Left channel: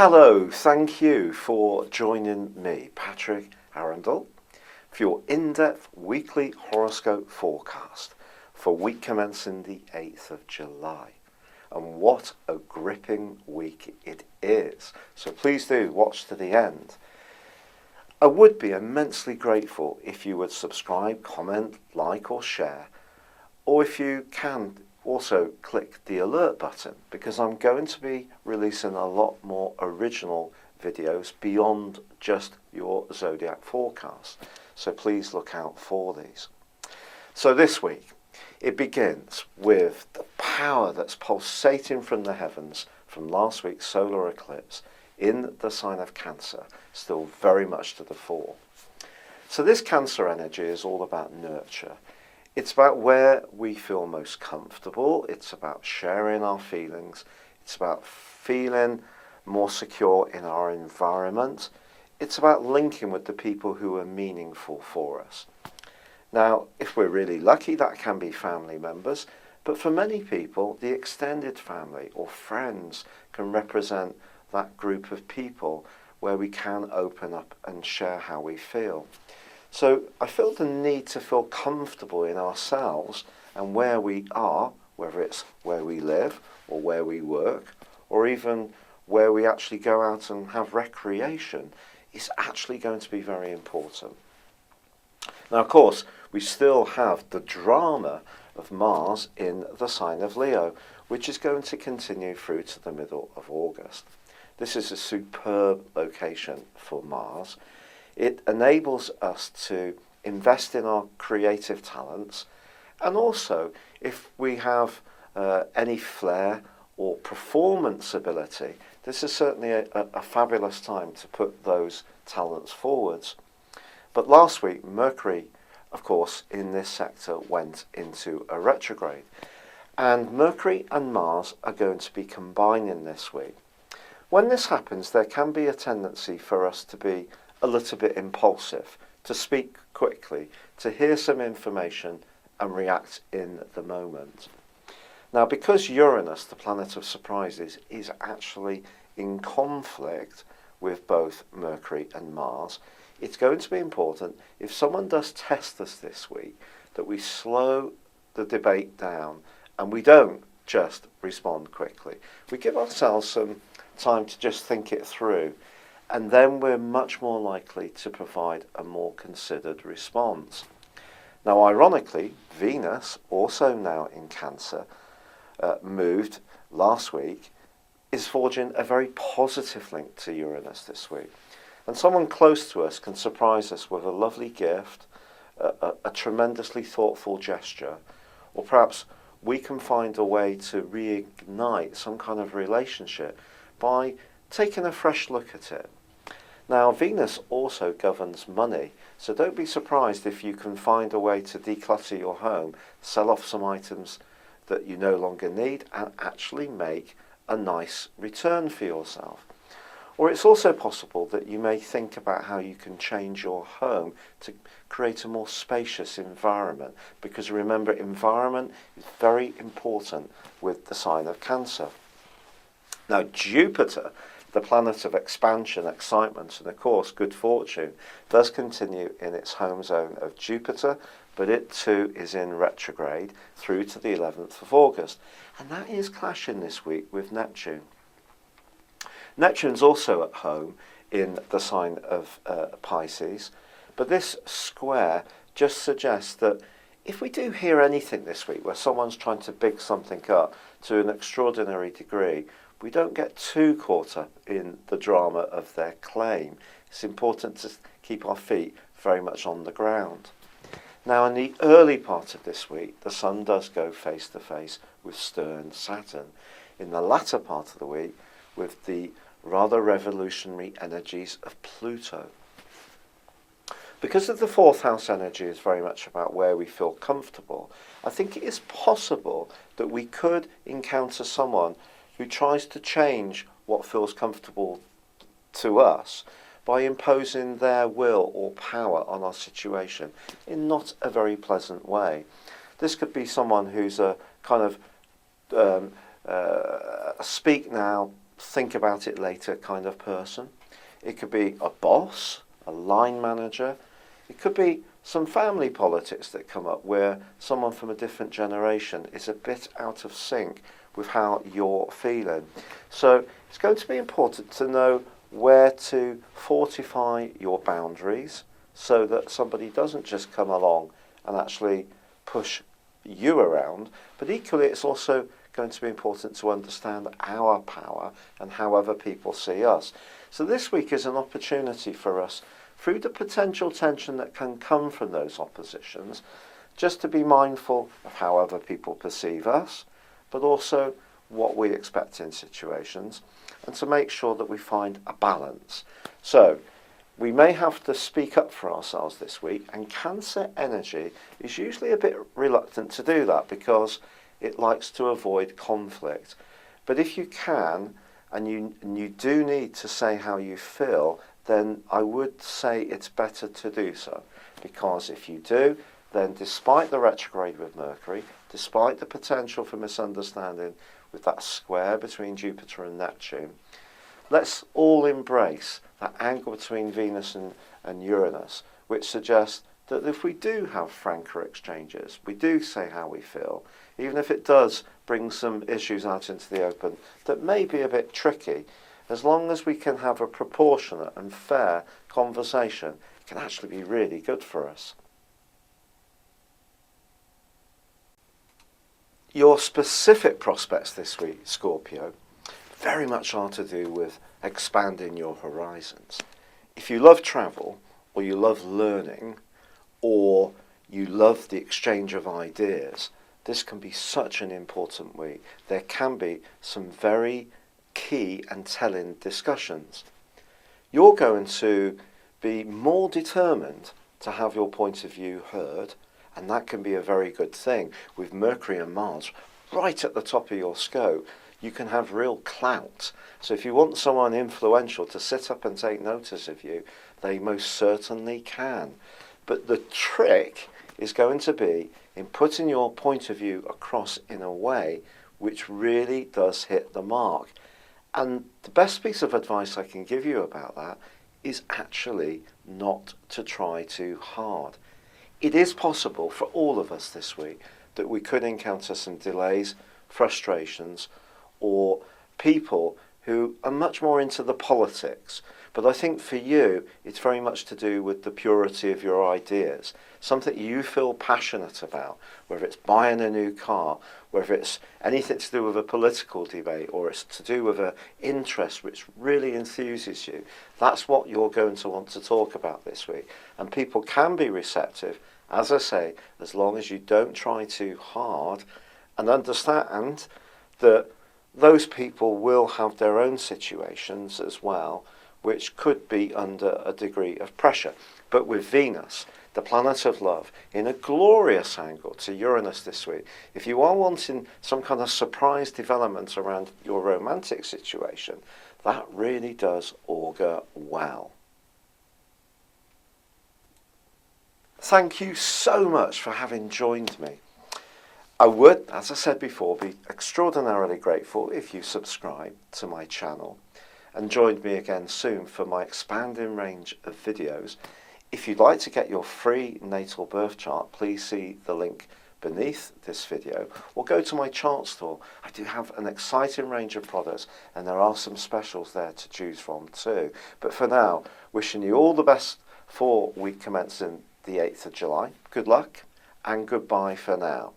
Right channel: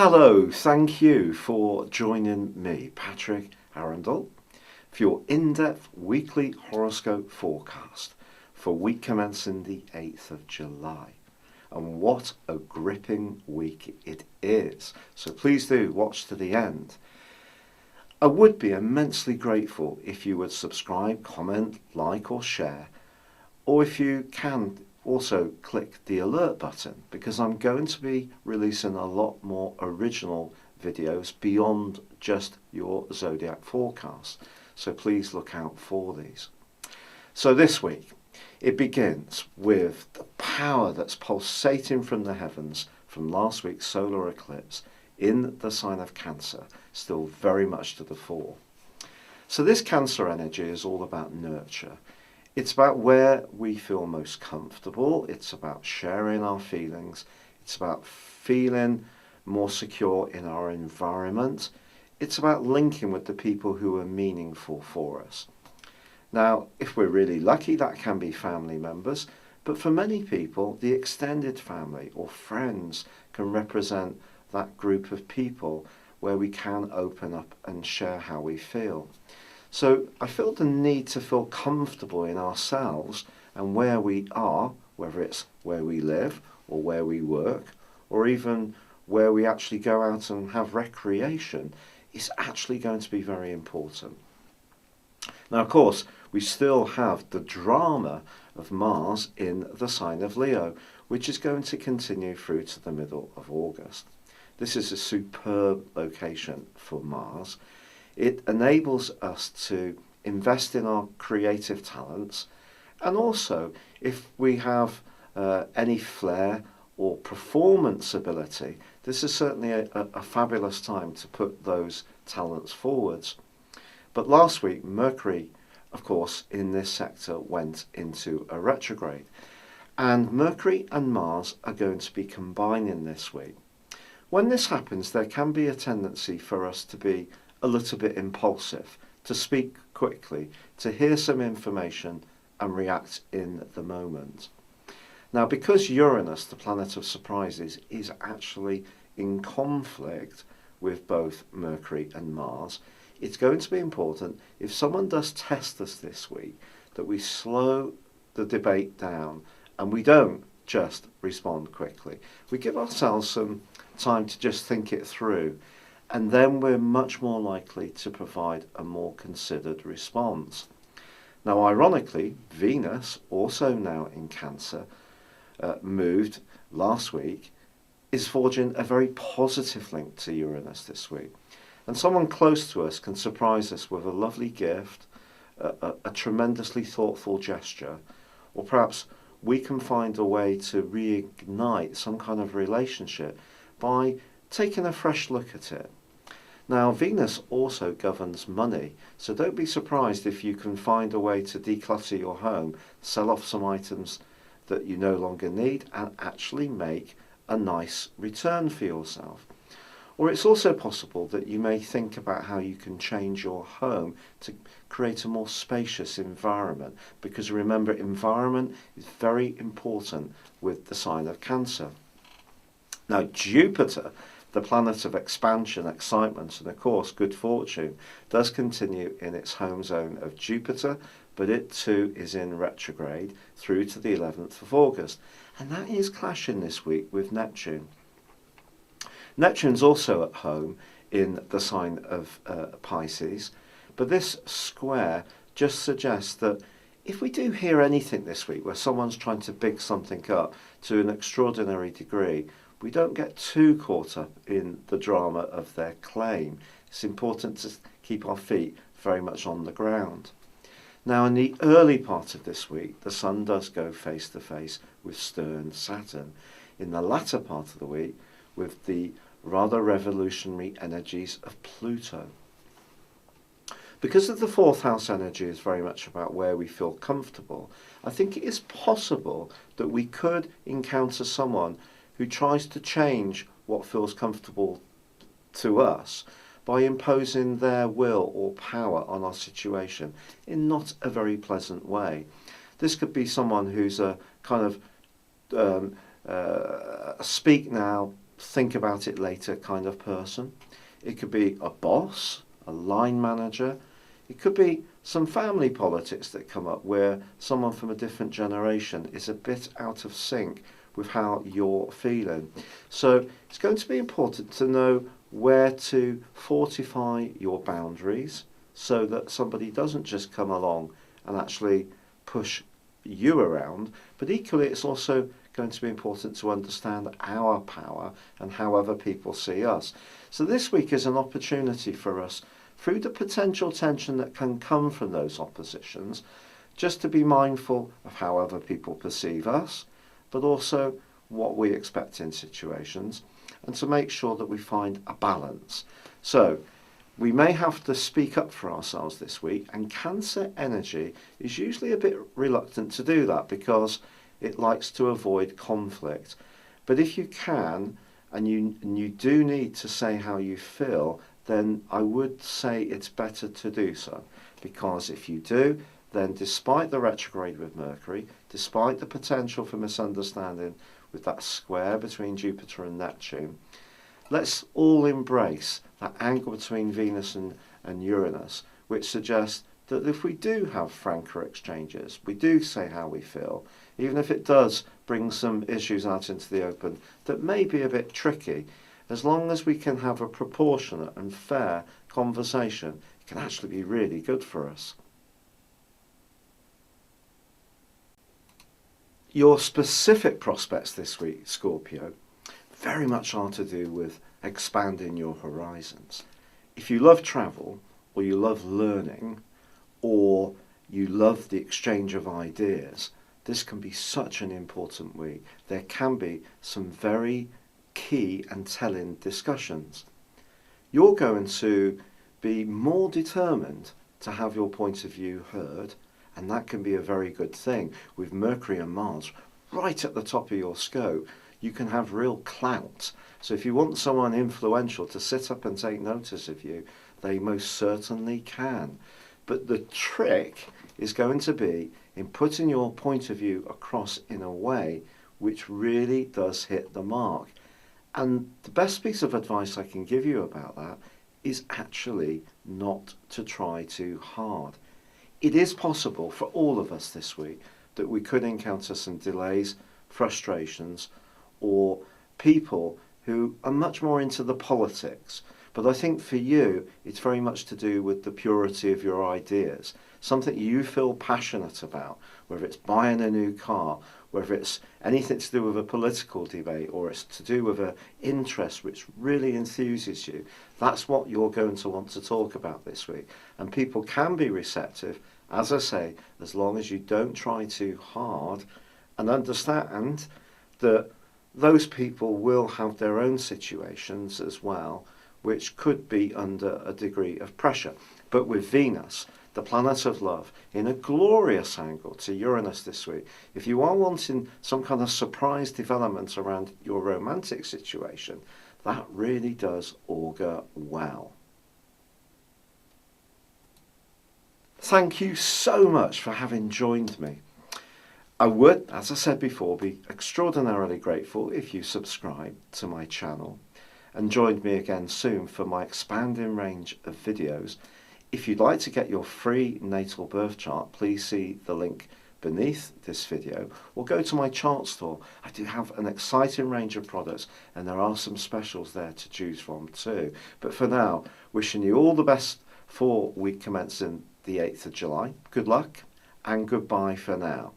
Hello, thank you for joining me, Patrick Arundell, for your in-depth weekly horoscope forecast for week commencing the 8th of July. And what a gripping week it is. So please do watch to the end. I would be immensely grateful if you would subscribe, comment, like or share, or if you can also click the alert button, because I'm going to be releasing a lot more original videos beyond just your Zodiac forecast. So please look out for these. So this week, it begins with the power that's pulsating from the heavens from last week's solar eclipse in the sign of Cancer, still very much to the fore. So this Cancer energy is all about nurture. It's about where we feel most comfortable. It's about sharing our feelings. It's about feeling more secure in our environment. It's about linking with the people who are meaningful for us. Now, if we're really lucky, that can be family members, but for many people, the extended family or friends can represent that group of people where we can open up and share how we feel. So I feel the need to feel comfortable in ourselves and where we are, whether it's where we live or where we work, or even where we actually go out and have recreation, is actually going to be very important. Now, of course, we still have the drama of Mars in the sign of Leo, which is going to continue through to the middle of August. This is a superb location for Mars. It enables us to invest in our creative talents, and also if we have any flair or performance ability, this is certainly a fabulous time to put those talents forwards. But last week, Mercury, of course, in this sector went into a retrograde, and Mercury and Mars are going to be combining this week. When this happens, there can be a tendency for us to be a little bit impulsive, to speak quickly, to hear some information and react in the moment. Now, because Uranus, the planet of surprises, is actually in conflict with both Mercury and Mars, it's going to be important, if someone does test us this week, that we slow the debate down and we don't just respond quickly. We give ourselves some time to just think it through, and then we're much more likely to provide a more considered response. Now, ironically, Venus, also now in Cancer, moved last week, is forging a very positive link to Uranus this week. And someone close to us can surprise us with a lovely gift, a tremendously thoughtful gesture, or perhaps we can find a way to reignite some kind of relationship by taking a fresh look at it. Now, Venus also governs money, so don't be surprised if you can find a way to declutter your home, sell off some items that you no longer need, and actually make a nice return for yourself. Or it's also possible that you may think about how you can change your home to create a more spacious environment, because remember, environment is very important with the sign of Cancer. Now, Jupiter, the planet of expansion, excitement, and of course good fortune, does continue in its home zone of Jupiter, but it too is in retrograde through to the 11th of August. And that is clashing this week with Neptune. Neptune's also at home in the sign of Pisces, but this square just suggests that if we do hear anything this week where someone's trying to big something up to an extraordinary degree, we don't get too caught up in the drama of their claim. It's important to keep our feet very much on the ground. Now, in the early part of this week, the Sun does go face to face with stern Saturn. In the latter part of the week, with the rather revolutionary energies of Pluto. Because of the fourth house energy is very much about where we feel comfortable, I think it is possible that we could encounter someone who tries to change what feels comfortable to us by imposing their will or power on our situation in not a very pleasant way. This could be someone who's a kind of speak now, think about it later kind of person. It could be a boss, a line manager. It could be some family politics that come up where someone from a different generation is a bit out of sync with how you're feeling. So it's going to be important to know where to fortify your boundaries so that somebody doesn't just come along and actually push you around, but equally it's also going to be important to understand our power and how other people see us. So this week is an opportunity for us, through the potential tension that can come from those oppositions, just to be mindful of how other people perceive us, but also what we expect in situations, and to make sure that we find a balance. So we may have to speak up for ourselves this week, and Cancer energy is usually a bit reluctant to do that because it likes to avoid conflict. But if you can, and you do need to say how you feel, then I would say it's better to do so. Because if you do, then despite the retrograde with Mercury, despite the potential for misunderstanding with that square between Jupiter and Neptune, let's all embrace that angle between Venus and Uranus, which suggests that if we do have franker exchanges, we do say how we feel, even if it does bring some issues out into the open that may be a bit tricky, as long as we can have a proportionate and fair conversation, it can actually be really good for us. Your specific prospects this week, Scorpio, very much are to do with expanding your horizons. If you love travel, or you love learning, or you love the exchange of ideas, this can be such an important week. There can be some very key and telling discussions. You're going to be more determined to have your point of view heard, and that can be a very good thing. With Mercury and Mars right at the top of your scope, you can have real clout. So if you want someone influential to sit up and take notice of you, they most certainly can. But the trick is going to be in putting your point of view across in a way which really does hit the mark. And the best piece of advice I can give you about that is actually not to try too hard. It is possible for all of us this week that we could encounter some delays, frustrations, or people who are much more into the politics. But I think for you, it's very much to do with the purity of your ideas, something you feel passionate about, whether it's buying a new car, whether it's anything to do with a political debate, or it's to do with an interest which really enthuses you. That's what you're going to want to talk about this week. And people can be receptive, as I say, as long as you don't try too hard, and understand that those people will have their own situations as well, which could be under a degree of pressure. But with Venus, the planet of love, in a glorious angle to Uranus this week, if you are wanting some kind of surprise development around your romantic situation, that really does augur well. Thank you so much for having joined me. I would, as I said before, be extraordinarily grateful if you subscribe to my channel and joined me again soon for my expanding range of videos. If you'd like to get your free natal birth chart, please see the link beneath this video or go to my chart store. I do have an exciting range of products and there are some specials there to choose from too. But for now, wishing you all the best for week commencing the 8th of July. Good luck and goodbye for now.